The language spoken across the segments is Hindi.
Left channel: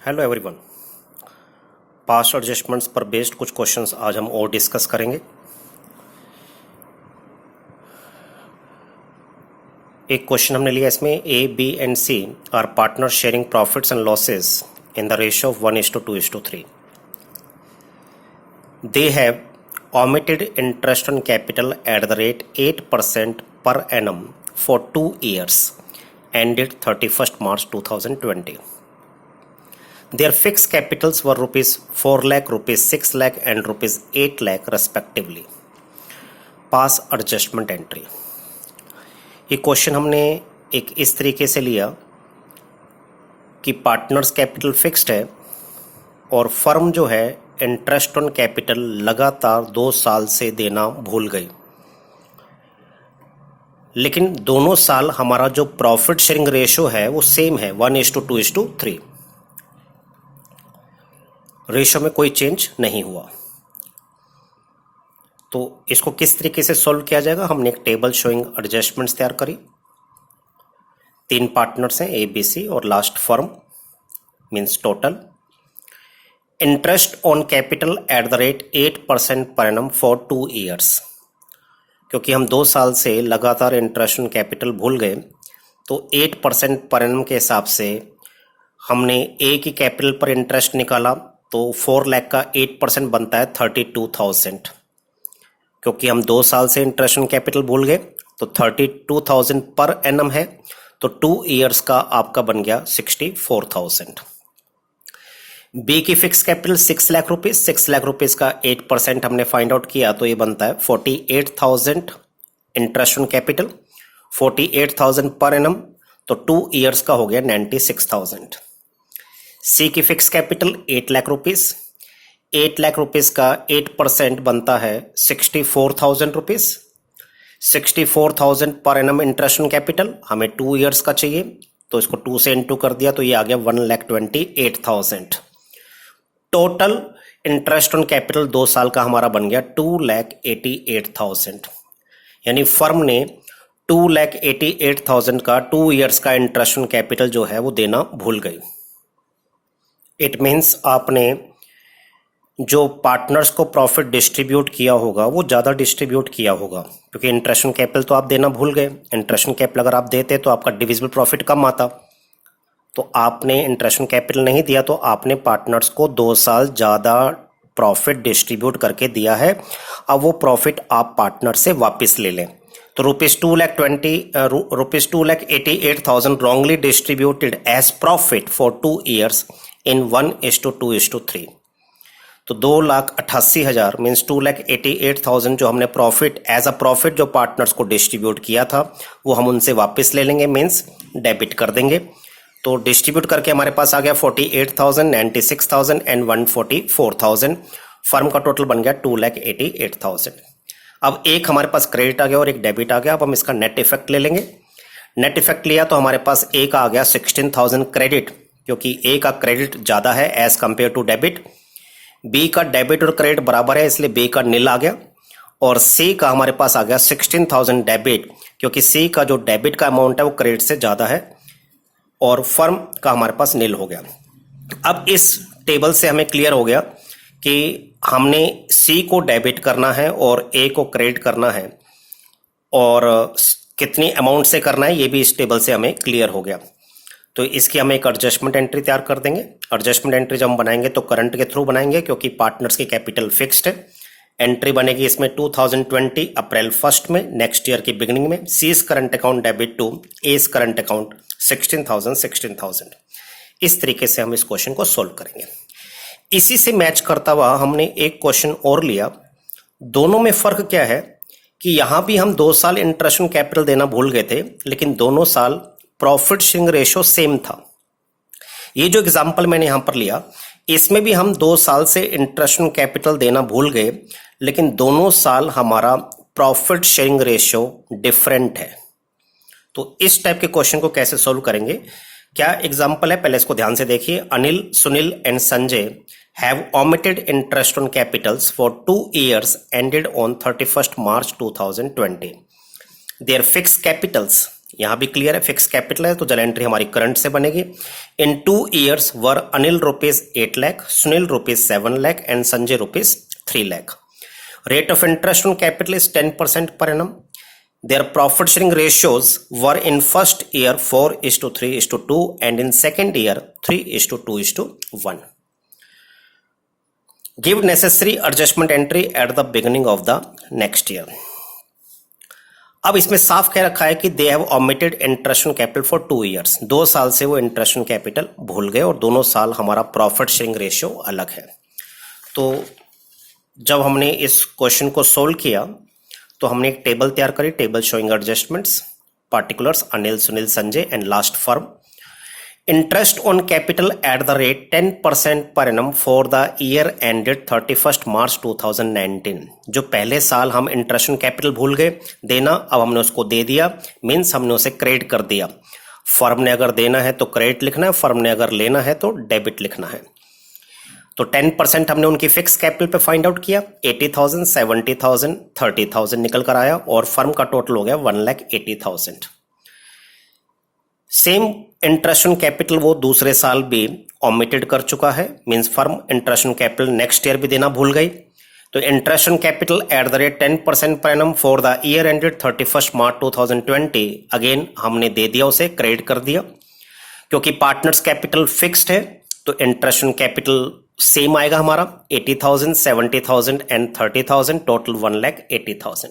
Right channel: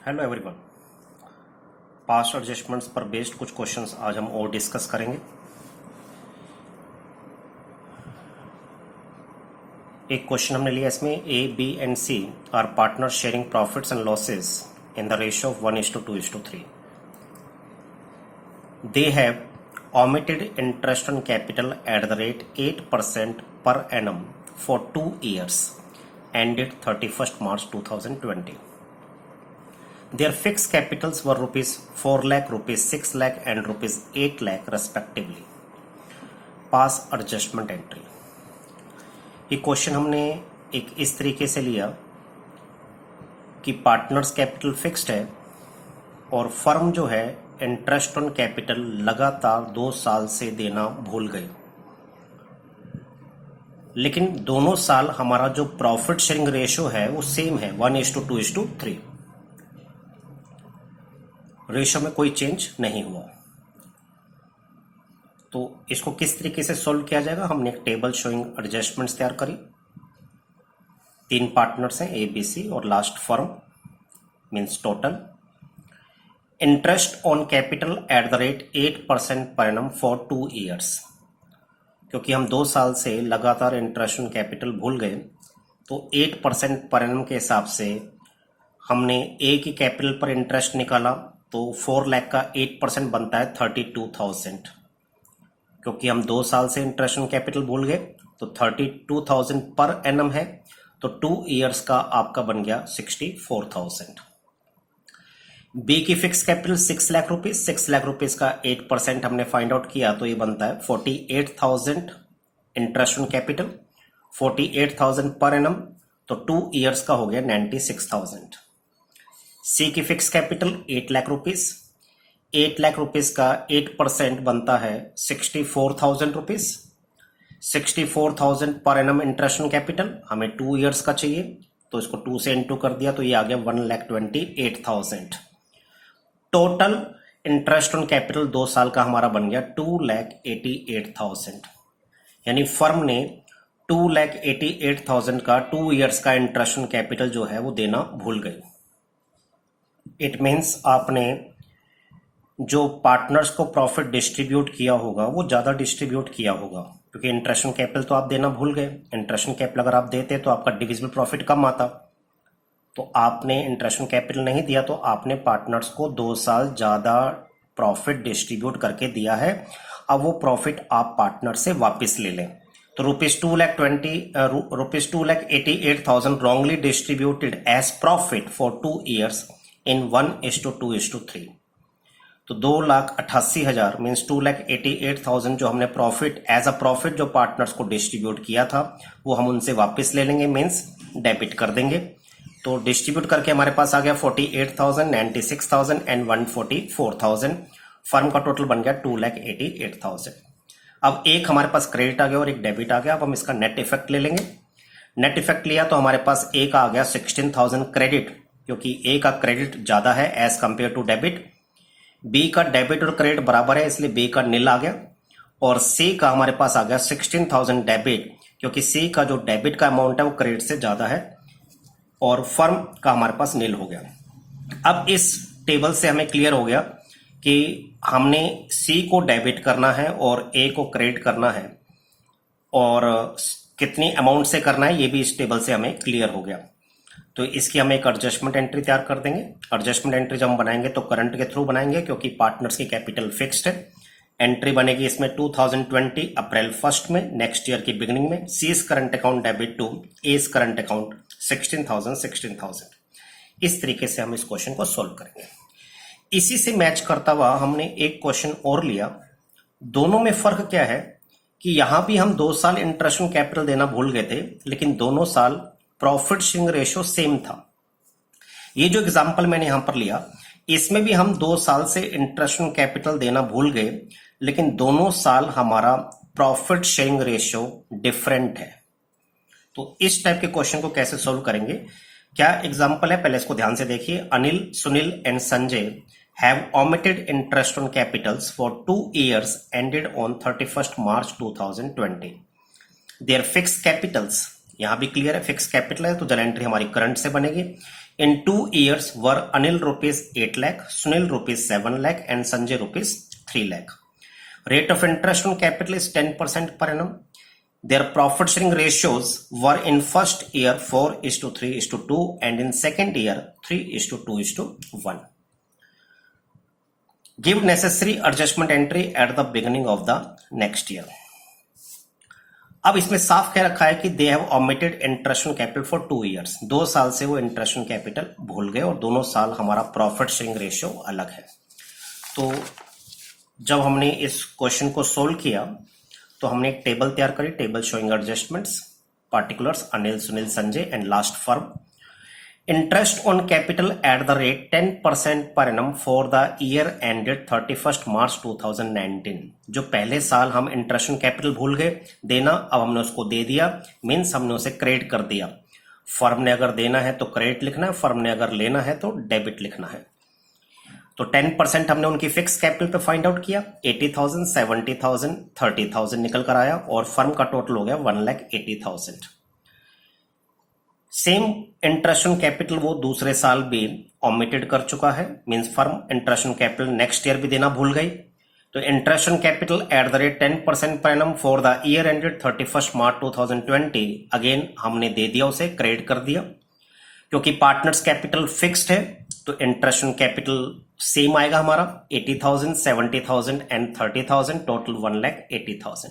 Hello everyone. पास्ट एडजस्टमेंट्स पर बेस्ड कुछ क्वेश्चंस आज हम और डिस्कस करेंगे। एक क्वेश्चन हमने लिया, इसमें A B and C are partner sharing profits and losses in the ratio of 1:2:3. They have omitted interest on capital at the rate 8% per annum for 2 years ended 31st March 2020. Their fixed capitals were rupees 4 lakh, rupees 6 lakh and rupees 8 lakh respectively. Pass adjustment entry. ये क्वेश्चन हमने एक इस तरीके से लिया कि पार्टनर्स कैपिटल फिक्स्ड है और फर्म जो है इंटरेस्ट ऑन कैपिटल लगातार 2 साल से देना भूल गई, लेकिन दोनों साल हमारा जो प्रॉफिट शेयरिंग रेशियो है वो सेम है 1:2:3. रेशियो में कोई चेंज नहीं हुआ। तो इसको किस तरीके से सॉल्व किया जाएगा, हमने एक टेबल शोइंग एडजस्टमेंट्स तैयार करी। 3 पार्टनर्स हैं ए बी सी और last firm means total. Interest on capital at the rate 8% per annum for 2 years. क्योंकि हम 2 साल से लगातार इंटरेस्ट ऑन कैपिटल भूल गए तो 8% पर एनम के हिसाब से हमने ए की कैपिटल पर इंटरेस्ट निकाला तो 4 लाख का 8% बनता है 32,000। क्योंकि हम 2 साल से इंटरेस्ट ऑन कैपिटल भूल गए तो 32,000 पर एनम है, तो 2 ईयर्स का आपका बन गया 64,000। बी की fix capital 6 lakh rupees, 6 lakh rupees का 8% हमने फाइंड आउट किया तो ये बनता है 48,000 interest on capital, 48,000 per annum, तो 2 ईयर्स का हो गया 96,000। सी की fix capital 8 lakh rupees, 8 lakh rupees का 8% बनता है 64,000 rupees. 64,000 per annum interest on capital, हमें 2 ईयर्स का चाहिए तो इसको 2 से इनटू कर दिया तो ये आ गया 1,28,000। टोटल इंटरेस्ट ऑन कैपिटल 2 साल का हमारा बन गया 2,88,000। यानी फर्म ने 2,88,000 का 2 ईयर्स का इंटरेस्ट ऑन कैपिटल जो है वो देना भूल गई। इट मीन्स आपने जो पार्टनर्स को प्रॉफिट डिस्ट्रीब्यूट किया होगा वो ज़्यादा डिस्ट्रीब्यूट किया होगा, क्योंकि इंटरेस्ट ऑन कैपिटल तो आप देना भूल गए। इंटरेस्ट ऑन कैपिटल अगर आप देते तो आपका डिविजिबल प्रॉफिट कम आता, तो आपने इंटरेस्ट ऑन कैपिटल नहीं दिया तो आपने पार्टनर्स को 2 साल ज़्यादा प्रॉफिट डिस्ट्रीब्यूट करके दिया है। अब वो प्रॉफिट आप पार्टनर से वापस ले लें। तो rupees 2,88,000 wrongly distributed as profit for 2 years in 1:2:3। तो 2,88,000 मीन्स 2,88,000 जो हमने प्रॉफिट एज अ प्रॉफिट जो पार्टनर्स को डिस्ट्रीब्यूट किया था वो हम उनसे वापस ले लेंगे, मीन्स डेबिट कर देंगे। तो डिस्ट्रीब्यूट करके हमारे पास आ गया 48,000, 96,000 एंड 144,000। फर्म का टोटल बन गया 2,88,000। अब एक हमारे पास क्रेडिट आ गया और एक डेबिट आ गया। अब हम इसका नेट इफेक्ट ले लेंगे। नेट इफेक्ट लिया तो हमारे पास ए का आ गया 16,000 क्रेडिट, क्योंकि ए का क्रेडिट ज्यादा है as compare to debit. B का डेबिट और क्रेडिट बराबर है इसलिए बी का नील आ गया। और सी का हमारे पास आ गया 16,000 डेबिट, क्योंकि सी का जो डेबिट का अमाउंट है वो क्रेडिट से ज्यादा है, और फर्म का हमारे पास नील हो गया। अब इस टेबल से हमें क्लियर हो गया कि हमने सी को डेबिट करना है और ए को क्रेडिट करना है, और कितनी अमाउंट से करना है ये भी इस टेबल से हमें क्लियर हो गया। तो इसकी हम एक एडजस्टमेंट एंट्री तैयार कर देंगे। एडजस्टमेंट एंट्री जब हम बनाएंगे तो करंट के थ्रू बनाएंगे, क्योंकि पार्टनर्स की कैपिटल फिक्स्ड है। एंट्री बनेगी इसमें 2020 अप्रैल 1 में, नेक्स्ट ईयर की बिगिनिंग में। C's current account debit to A's current account 16,000। इस तरीके से हम इस क्वेश्चन को सोल्व करेंगे। इसी से मैच करता हुआ हमने एक क्वेश्चन और लिया। दोनों में फर्क क्या है कि यहां भी हम 2 साल इंटरेस्ट ऑन कैपिटल देना भूल गए थे, लेकिन दोनों साल प्रॉफिट शेयरिंग रेशियो सेम था। ये जो एग्जांपल मैंने यहां पर लिया इसमें भी हम 2 साल से इंटरेस्ट ऑन कैपिटल देना भूल गए, लेकिन दोनों साल हमारा प्रॉफिट शेयरिंग रेशियो डिफरेंट है। तो इस टाइप के क्वेश्चन को कैसे सोल्व करेंगे, क्या एग्जांपल है पहले इसको ध्यान से देखिए। Anil, Sunil and Sanjay have omitted interest on capitals for 2 years ended on 31st March 2020. Their fixed capitals, यहां भी क्लियर है फिक्स कैपिटल है तो जल एंट्री हमारी करंट से बनेगी। In 2 years were Anil rupees 8 lakh, Sunil rupees 7 lakh and Sanjay rupees 3 lakh. Rate of interest on capital is 10% per annum. Their profit sharing ratios were in first year 4:3:2 and in second year 3:2:1. Give necessary adjustment entry at the beginning of the next year. अब इसमें साफ कह रखा है कि they have omitted interest on capital for 2 years. 2 साल से वो इंटरेस्ट ऑन कैपिटल भूल गए और दोनों साल हमारा प्रॉफिट शेयरिंग रेशियो अलग है. तो जब हमने इस क्वेश्चन को सोल्व किया तो हमने एक टेबल तैयार करी, table showing adjustments, particulars Anil, Sunil, Sanjay and last firm. Interest on capital at the rate 10% per annum for the year ended 31 March 2019. जो पहले साल हम इंटरेस्ट ऑन कैपिटल भूल गए देना, अब हमने उसको दे दिया, मीन्स हमने उसे क्रेडिट कर दिया. फर्म ने अगर देना है तो क्रेडिट लिखना है, फर्म ने अगर लेना है तो डेबिट लिखना है. तो 10% हमने उनकी फिक्स कैपिटल पे फाइंड आउट किया. 80,000, 70,000, 30,000 निकल कर आया और फर्म का टोटल हो गया 1,80,000. सेम इंटरेस्ट ऑन कैपिटल वो दूसरे साल भी ओमिटेड कर चुका है, means firm interest on capital next year भी देना भूल गई. तो interest on capital at the rate 10% per annum for the year ended 31 March 2020 again हमने दे दिया, उसे क्रेडिट कर दिया. क्योंकि पार्टनर्स कैपिटल फिक्स्ड है तो इंटरेस्ट ऑन कैपिटल सेम आएगा हमारा 80,000, 70,000 एंड 30,000, टोटल 1,80,000.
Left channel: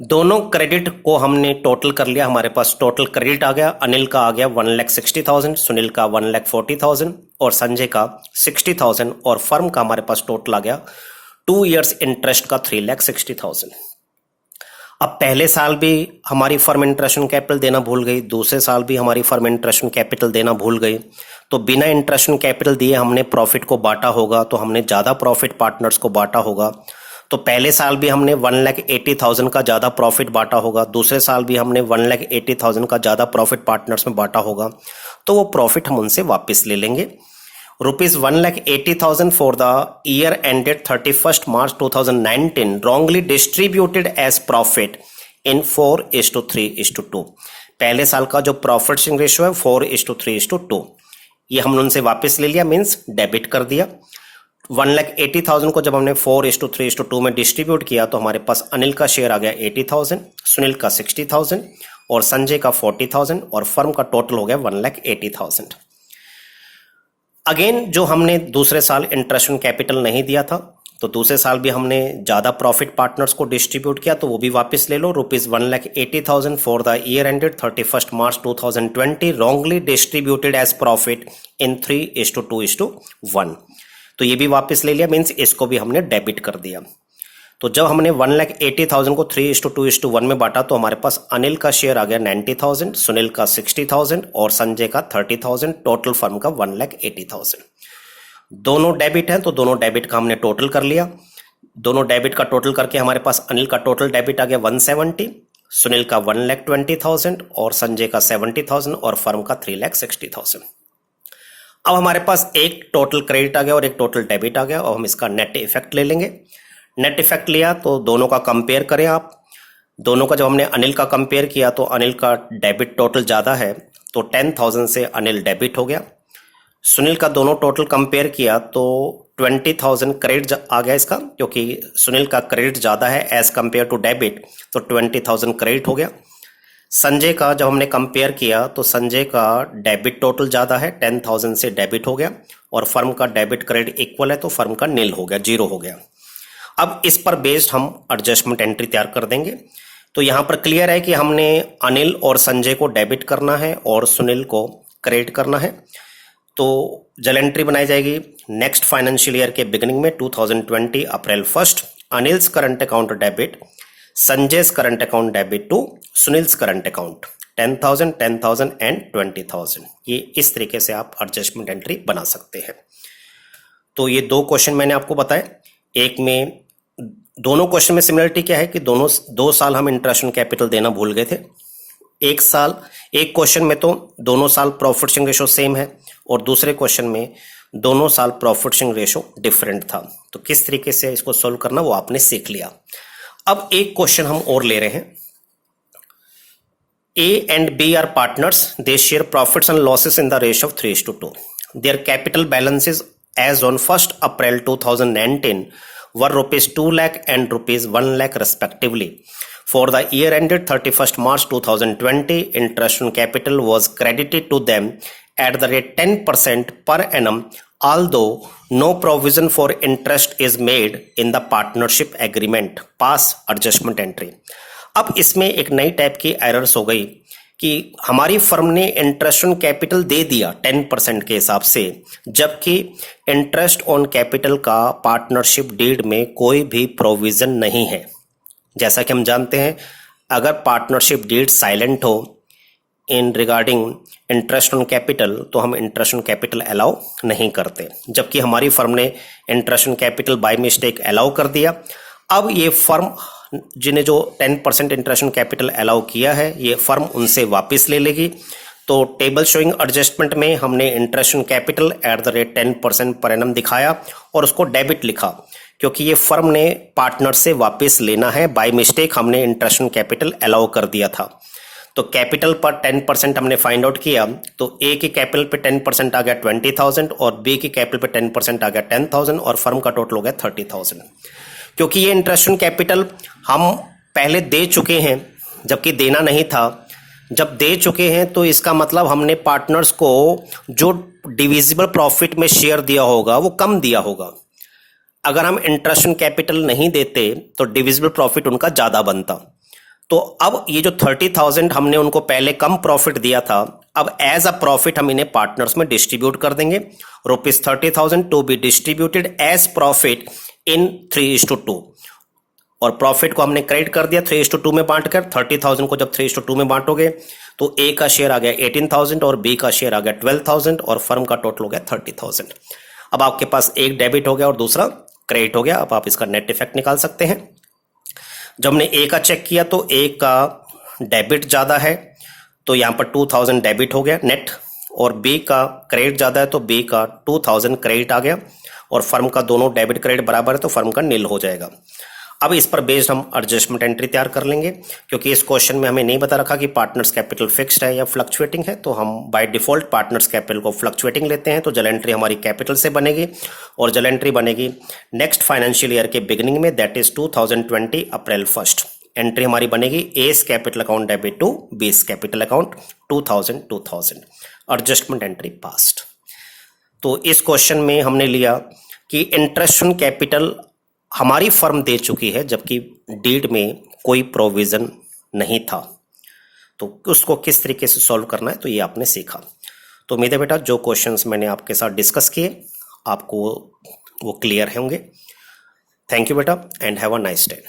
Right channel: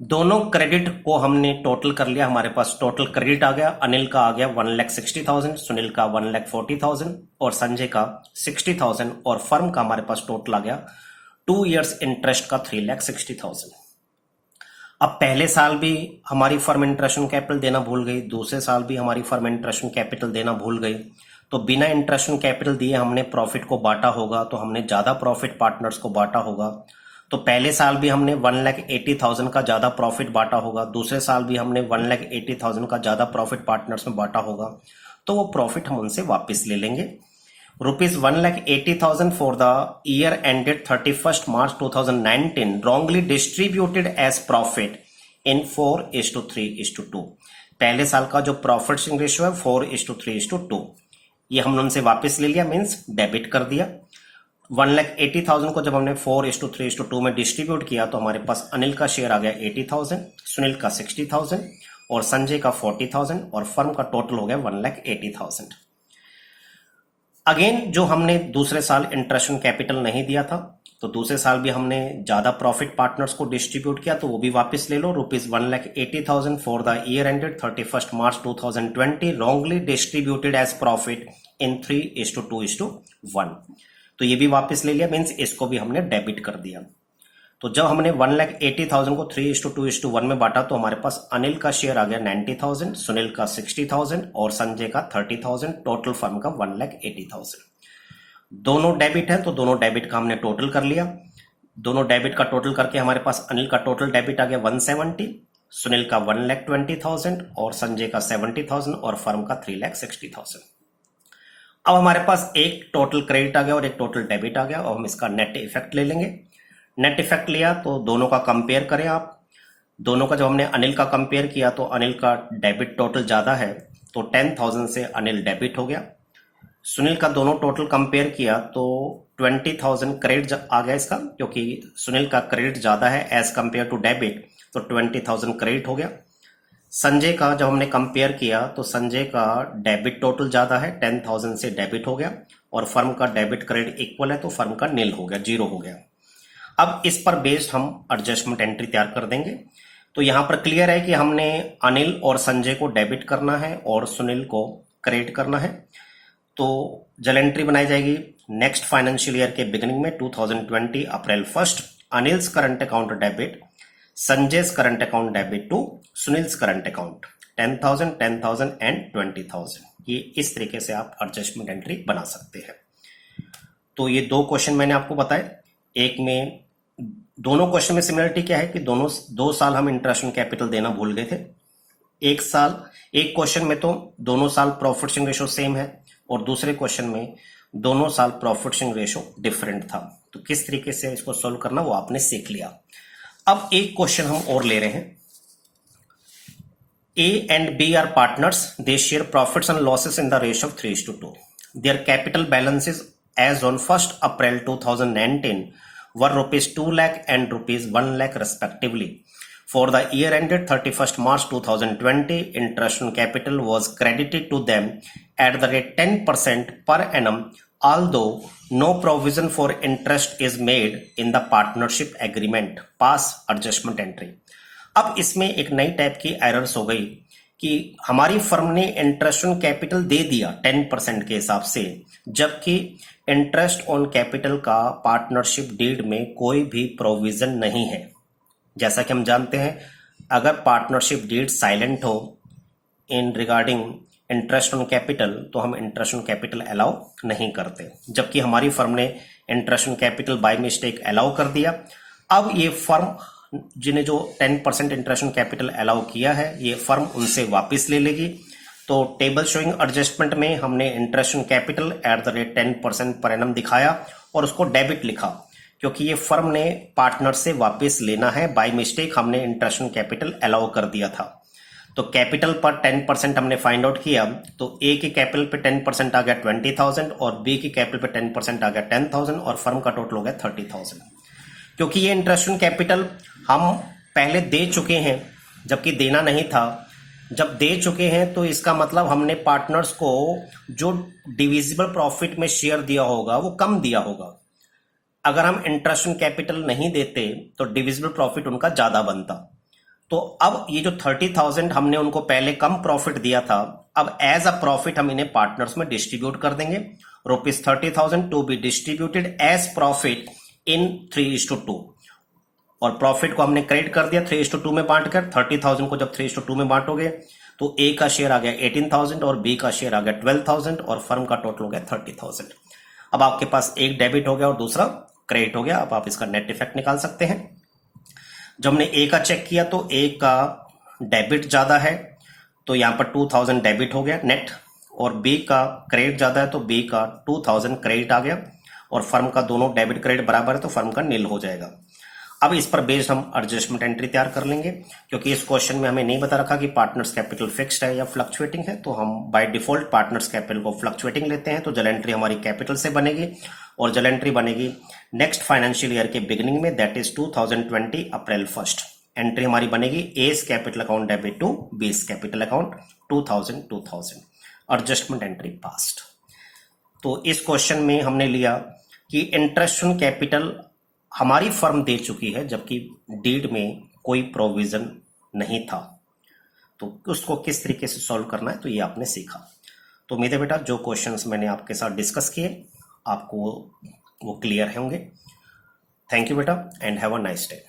दोनों क्रेडिट को हमने टोटल कर लिया, हमारे पास टोटल क्रेडिट आ गया. अनिल का आ गया 1,60,000, सुनील का 1,40,000 और संजय का 60,000 और फर्म का हमारे पास टोटल आ गया 2 years इंटरेस्ट का 3,60,000. अब पहले साल भी हमारी फर्म इंटरेस्ट ऑन कैपिटल देना भूल गई, दूसरे साल भी हमारी फर्म इंटरेस्ट ऑन कैपिटल देना भूल गई. तो बिना इंटरेस्ट ऑन कैपिटल दिए हमने प्रॉफिट को बांटा होगा, तो हमने ज्यादा प्रॉफिट पार्टनर्स को बांटा होगा. तो पहले साल भी हमने 1,80,000 का ज्यादा प्रॉफिट बांटा होगा, दूसरे साल भी हमने 1,80,000 का ज्यादा प्रॉफिट पार्टनर्स में बांटा होगा. तो वो प्रॉफिट हम उनसे वापस ले लेंगे. Rupees 1,80,000 for the year ended 31 March 2019 wrongly distributed as profit in 4:3:2. पहले साल का जो प्रॉफिट शेयरिंग रेशियो है 4:3:2, ये हमने उनसे वापस ले लिया, मीन्स डेबिट कर दिया. 1,80,000 को जब हमने 4:3:2 में डिस्ट्रीब्यूट किया तो हमारे पास अनिल का शेयर आ गया 80,000, सुनील का 60,000 और संजय का 40,000 और फर्म का टोटल हो गया 1,80,000. अगेन जो हमने दूसरे साल इंटरेस्ट ऑन कैपिटल नहीं दिया था तो दूसरे साल भी हमने ज्यादा प्रॉफिट पार्टनर्स को डिस्ट्रीब्यूट किया, तो वो भी वापस ले लो. Rupees 1,80,000 for the year ended 31 March 2020 wrongly distributed as profit in 3:2:1. तो ये भी वापस ले लिया, मीन्स इसको भी हमने डेबिट कर दिया. तो जब हमने 1,80,000 को 3:2:1 में बांटा तो हमारे पास अनिल का शेयर आ गया 90,000, सुनील का 60,000 और संजय का 30,000, टोटल फर्म का 1,80,000. दोनों डेबिट है तो दोनों डेबिट का हमने टोटल कर लिया. दोनों डेबिट का टोटल करके हमारे पास अनिल का टोटल डेबिट आ गया 170, सुनील का 1,20,000 और संजय का 70,000 और फर्म का 3,60,000. अब हमारे पास एक टोटल क्रेडिट आ गया और एक टोटल डेबिट आ गया और हम इसका नेट इफेक्ट ले लेंगे. नेट इफेक्ट लिया तो दोनों का कंपेयर करें आप. दोनों का जब हमने अनिल का कंपेयर किया तो अनिल का डेबिट टोटल ज्यादा है तो 10,000 से अनिल डेबिट हो गया. सुनील का दोनों टोटल कंपेयर किया तो 20,000 क्रेडिट आ गया इसका, क्योंकि सुनील का क्रेडिट ज्यादा है एज कंपेयर टू डेबिट, तो 20,000 क्रेडिट हो गया. संजय का जब हमने कंपेयर किया तो संजय का डेबिट टोटल ज्यादा है, 10,000 से डेबिट हो गया और फर्म का डेबिट क्रेडिट इक्वल है तो फर्म का नील हो गया, जीरो हो गया. अब इस पर बेस्ड हम एडजस्टमेंट एंट्री तैयार कर देंगे. तो यहां पर क्लियर है कि हमने अनिल और संजय को डेबिट करना है और सुनील को क्रेडिट करना है. तो जल एंट्री बनाई जाएगी नेक्स्ट फाइनेंशियल ईयर के बिगिनिंग में 2020 April 1 Anil's current account debit, Sanjay's current account debit to Sunil's current account 10,000, 10,000 and 20,000. ये इस तरीके से आप एडजस्टमेंट एंट्री बना सकते हैं. तो ये दो क्वेश्चन मैंने आपको बताए. एक में दोनों क्वेश्चन में सिमिलरिटी क्या है कि दोनों 2 साल हम इंटरेस्ट ऑन कैपिटल देना भूल गए थे. एक क्वेश्चन में तो दोनों साल प्रॉफिट शेयरिंग रेशो सेम है और दूसरे क्वेश्चन में दोनों साल प्रॉफिट शेयरिंग रेशो डिफरेंट था. तो किस तरीके से इसको सोल्व करना वो आपने सीख लिया. अब एक क्वेश्चन हम और ले रहे हैं. A and B are partners. They share profits and losses in the ratio of 3:2. Their capital balances as on 1st April 2019 were rupees 2 lakh and rupees 1 lakh respectively. For the year ended 31st March 2020, interest on capital was credited to them at the rate 10% per annum, although no provision for interest is made in the partnership agreement. Pass adjustment entry. अब इसमें एक नई टाइप की एरर्स हो गई कि हमारी फर्म ने इंटरेस्ट ऑन कैपिटल दे दिया 10% के हिसाब से, जबकि इंटरेस्ट ऑन कैपिटल का पार्टनरशिप डीड में कोई भी प्रोविजन नहीं है। जैसा कि हम जानते हैं, अगर पार्टनरशिप डीड साइलेंट हो इन रिगार्डिंग इंटरेस्ट ऑन कैपिटल तो हम इंटरेस्ट ऑन कैपिटल अलाउ नहीं करते, जबकि हमारी फर्म ने interest on capital by mistake allow कर दिया। अब ये फर्म जिन्हें जो 10% इंटरेस्ट ऑन कैपिटल अलाउ किया है, ये फर्म उनसे वापस ले लेगी। तो टेबल शोइंग एडजस्टमेंट में हमने interest on capital at the rate 10% per annum दिखाया और उसको डेबिट लिखा, क्योंकि ये फर्म ने पार्टनर से वापस लेना है। बाय मिस्टेक हमने इंटरेस्ट ऑन कैपिटल अलाउ कर दिया था। तो कैपिटल पर 10% हमने फाइंड आउट किया, तो ए के कैपिटल पे 10% आ गया 20,000 और बी के कैपिटल पे 10% आ गया 10,000 और फर्म का टोटल हो गया 30,000। क्योंकि ये इंटरेस्ट ऑन कैपिटल हम पहले दे चुके हैं, जबकि देना नहीं था। जब दे चुके हैं तो इसका मतलब हमने पार्टनर्स को जो डिविजिबल प्रॉफिट में शेयर दिया होगा वो कम दिया होगा। अगर हम इंटरेस्ट ऑन कैपिटल नहीं देते तो डिविजिबल प्रॉफिट उनका ज़्यादा बनता। तो अब ये जो 30,000 हमने उनको पहले कम प्रॉफिट दिया था, अब एज अ प्रॉफिट हम इन्हें पार्टनर्स में डिस्ट्रीब्यूट कर देंगे। ₹30,000 to be distributed as profit in 3:2 और प्रॉफिट को हमने क्रेडिट कर दिया 3:2 में बांटकर। 30,000 को जब 3:2 में बांटोगे तो ए का शेयर आ गया 18,000 और बी का शेयर आ गया 12,000 और फर्म का टोटल हो गया 30,000। अब आपके पास एक डेबिट हो गया और दूसरा क्रेडिट हो गया। अब आप इसका नेट इफेक्ट निकाल सकते हैं। जब हमने ए का चेक किया तो ए का डेबिट ज़्यादा है, तो यहाँ पर 2,000 डेबिट हो गया नेट, और बी का क्रेडिट ज़्यादा है तो बी का 2,000 क्रेडिट आ गया, और फर्म का दोनों डेबिट क्रेडिट बराबर है तो फर्म का नील हो जाएगा। अब इस पर बेस्ड हम एडजस्टमेंट एंट्री तैयार कर लेंगे, क्योंकि इस क्वेश्चन में हमें नहीं बता रखा कि पार्टनर्स कैपिटल फिक्स्ड है या फ्लक्चुएटिंग है, तो हम बाय डिफॉल्ट पार्टनर्स कैपिटल को फ्लक्चुएटिंग लेते हैं। तो जल एंट्री हमारी कैपिटल से बनेगी और जल एंट्री बनेगी नेक्स्ट फाइनेंशियल ईयर के बिगिनिंग में, दैट इज 2020 अप्रैल 1। एंट्री हमारी बनेगी A's capital account debit to B's capital account 2000। Adjustment entry passed. तो इस क्वेश्चन में हमने लिया कि इंटरेस्ट ऑन कैपिटल हमारी फर्म दे चुकी है, जबकि डीड में कोई प्रोविजन नहीं था। तो उसको किस तरीके से सॉल्व करना है तो ये आपने सीखा। तो उम्मीद है बेटा जो क्वेश्चंस मैंने आपके साथ डिस्कस किए आपको वो क्लियर होंगे। थैंक यू बेटा and have a nice day.